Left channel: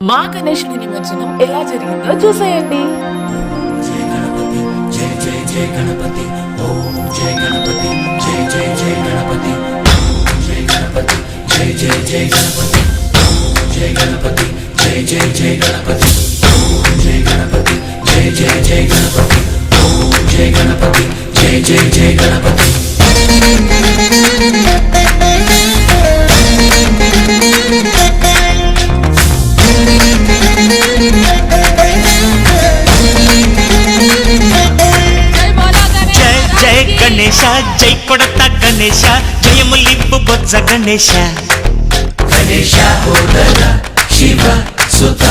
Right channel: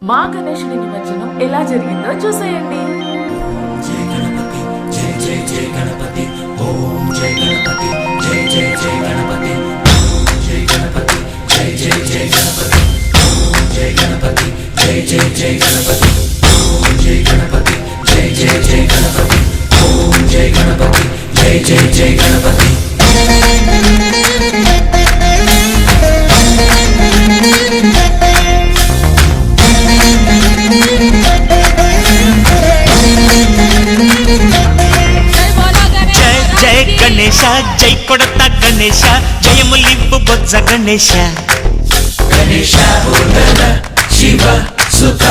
మా గణేశుడి నిమజ్జనం ఎలా జరిగిందో చూసేయండి. జయ గణపతి జయ జయ జయ గణపతి ఓం జయ గణపతి జయ జయ జయ గణపతి జయ గణపతి జయ జయ జయ గణపతి జయ గణపతి జయ జయ జయ గణపతి జయ గణపతి జయ జయ జయ గణపతి ఓం జయ గణపతి జయ జయ జయ గణపతి. జయ గణేశ జై కొడత గణేశ జయములివ్వు బొజ్జ గణేశ గణేశ శివ సుత